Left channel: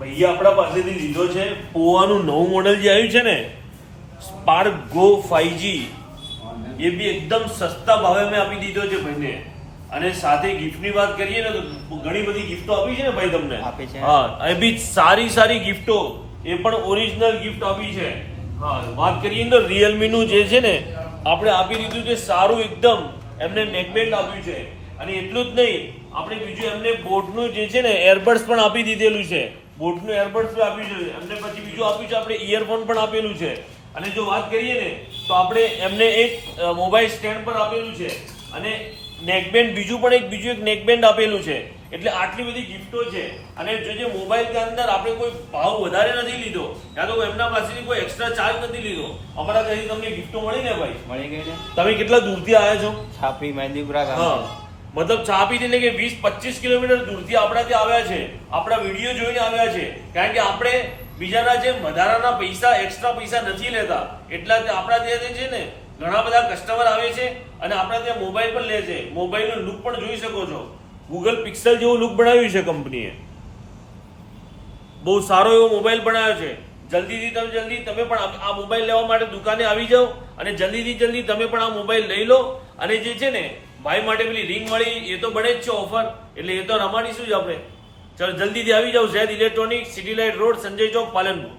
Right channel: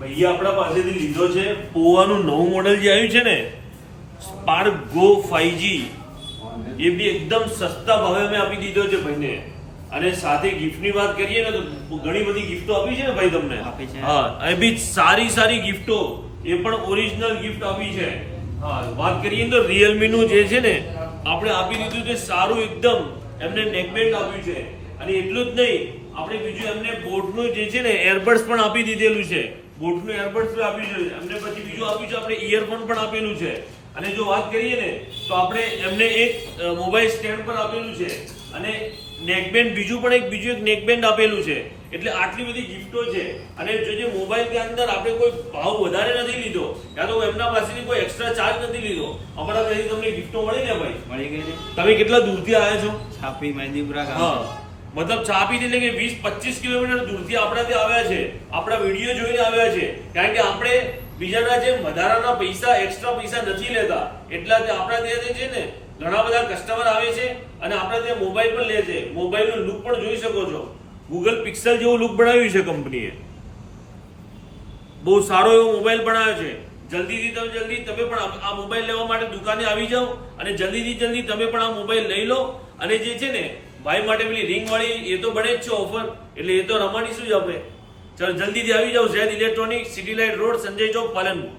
ભૈયા આપણા પાસેથી લીધો છે પોવાનું નવું મોડેલ જે આવ્યું છે ને સ્પાર્ક ગો 5G, એ બી એકદમ સસ્તા ભાવે મેં આપી દીધો છે ભાઈને. અને સાથે ગિફ્ટની વાત કરીએ ને તો ઘણી બધી ગિફ્ટો આપી છે ને ભાઈ તમને. હા, એ બી સારી ગિફ્ટો, એ પણ ઓરિજિનલ ગિફ્ટ આપી છે. હા, વાત કરીએ તો રિયલમી નું જે છે ને આપણે આપી દીધું છે સારું એકદમ, એમને નેકબેન્ડ આપ્યું છે. અને એટલું જ નહીં, આપણે બીજું એમને બોટનું જે છે ને એરબડ્સ પણ આપી દીધેલું છે. બોટનું એરબડ્સ આપ્યું છે એમને, પછી બીજું આપ્યું છે આપણે ઇયરફોન પણ આપેલું છે. અને જો વાત કરીએ ને તો આપણે એમને એક મોબાઈલ સ્ટેન્ડ પણ આપેલું છે અને નેકબેન્ડ બીજું એક નેકબેન્ડ આપેલું છે. એટલે આટલી બધી ગિફ્ટો છે. અને જે મોબાઈલ કે અંદર આપણે કોઈ ભાવ વધારે નથી લીધો, યા તો એમના પાસેથી કોઈ એક્સ્ટ્રા ચાર્જ નથી લીધો, અમારા ત્યાંથી તમને ગિફ્ટો મળી ને ભાઈ. મળી ગઈ ને. તમે કેટલા દૂરથી આવ્યા છો? છાપી મહેંદીપુરા ગામ. હા, મતલબ છાપી એટલે કે 20-25 કિલોમીટર દૂરથી આપણા ત્યાં આવ્યા છે, આપણા વિડીયો જોઈને આવ્યા છે. કારણ કે આપણે બીજાના જેમ વધારાના પૈસા, એક્સ્ટ્રા પૈસા નથી લેતા. એટલા આપણા ત્યાં છે ને ઘણા બધા કસ્ટમર આવે છે અને આપણા ત્યાં મોબાઈલ પણ લે છે. મોબાઈલનો લુક પણ જોઈ શકો છો. ગૂગલ પિક્સેલ જેવો લુક બનાવ્યું છે કંપનીએ. બહુ સારો એવો મોબાઈલ બનાવ્યો છે. જલ્દી તમે પણ આ મોબાઈલ લેવા માટે દુકાને આવી જાઓ અને જલ્દી તમે પણ આ મોબાઈલ લઈ લો. અને જે છે ને ભાઈ માટે પેલી રિંગ વાળી એ તો બને જ છે ઓફર, એટલે એ તો રમાડીશું જ આપણે. ચાલો જલ્દીથી આવી જાઓ. Z electronic, city light road, Sanjay Chowk, Palanpur.